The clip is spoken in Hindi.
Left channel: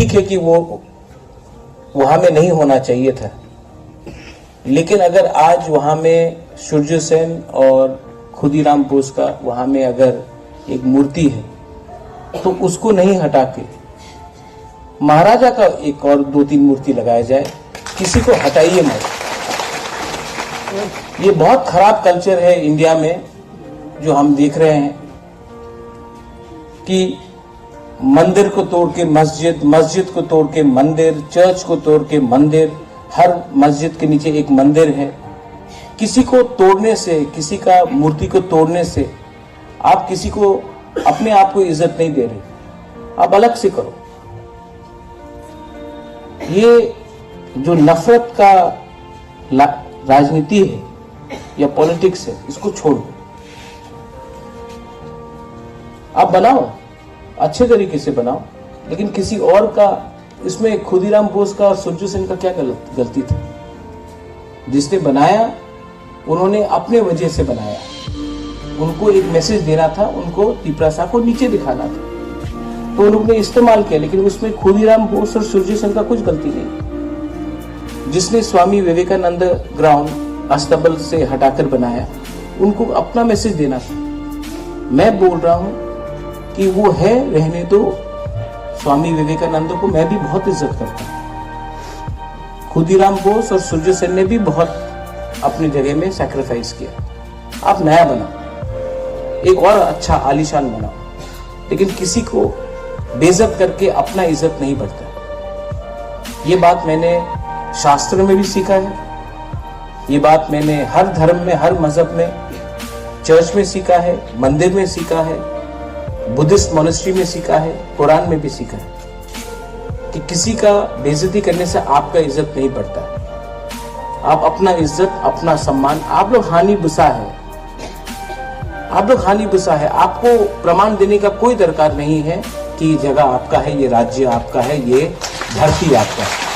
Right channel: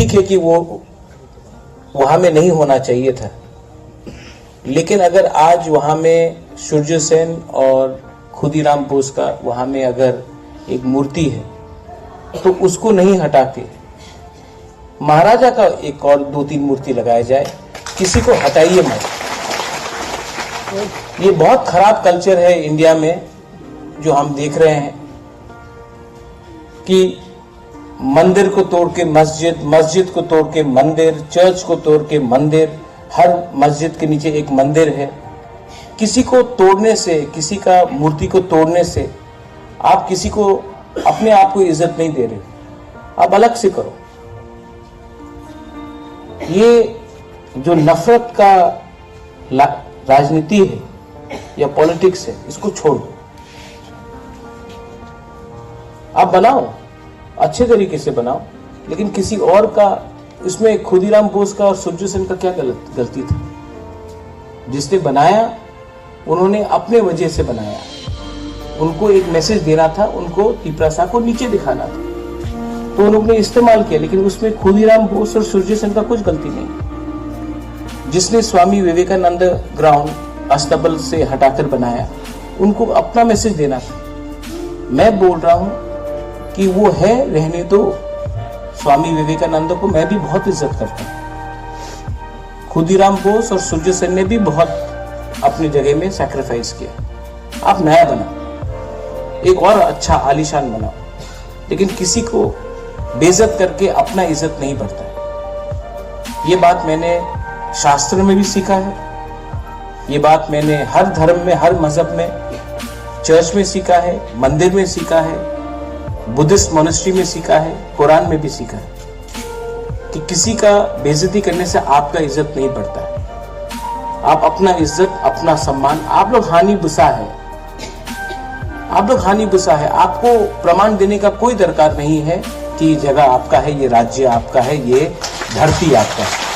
ठीक है कि वो वहां में नहीं होना चाहिए था, लेकिन अगर आज वहां में सूर्य सेन और खुदीराम बोस का वहां में अगर एक मूर्ति है तो उसको नहीं हटा के महाराजा का एक और 2-3 मूर्ति लगाया जाए, किसी को हटाइए मत। ये बहुत खराब कल्चर है इंडिया में जो हम देख रहे हैं कि मंदिर को तोड़ के मस्जिद, मस्जिद को तोड़ के मंदिर, चर्च को तोड़ के मंदिर, हर मस्जिद के नीचे एक मंदिर है। किसी को तोड़ने से, किसी का मूर्ति को तोड़ने से आप किसी को अपने आप को इज्जत नहीं दे रहे, आप अलग से करो। ये जो नफरत का राजनीति है या पॉलिटिक्स है, इसको छोड़ो। आप बनाओ, अच्छे तरीके से बनाओ, लेकिन किसी और का, इसमें खुदीराम बोस का और सूर्य सेन का क्या गलती था? जिसने बनाया उन्होंने अपने वजह से बनाया, उनको एक मैसेज देना था, उनको पिपरासा को नीचे दिखाना था, तो उन्होंने इस्तेमाल किया, लेकिन उसमें खुदीराम बोस और सूर्य सेन का कुछ गलती नहीं। जिसने स्वामी विवेकानंद ग्राउंड अस्तबल से हटाकर बनाया, उनको अपना मैसेज देना था। मैं बोल रहा हूं कि वो है, रहने दो। स्वामी विवेकानंद को मैं भी बहुत इज्जत करता हूं। खुदीराम बोस और सूर्य सेन ने भी बहुत अपनी जगह में सैक्रिफाइस किया। आप नया बनाओ, एक और अच्छा आलीशान बनाओ, लेकिन किसी को बेइज्जत करके अपना इज्जत नहीं बढ़ता। ये बात मैंने शास्त्र में भी सीखा है, ये बात मैंने हर धर्म में, हर मजहब में, चर्च में सीखा है, मंदिर में सीखा है, बुद्धिस्ट मोनेस्ट्री में सीखा है, कुरान में भी सीखा है कि किसी का बेइज्जती करने से आपका इज्जत नहीं बढ़ता है। आप अपना इज्जत, अपना सम्मान, आप लोग हानि बुसा है, आप लोग हानि बुसा है। आपको प्रमाण देने का कोई दरकार नहीं है कि ये जगह आपका है, ये राज्य आपका है, ये धरती आपका है।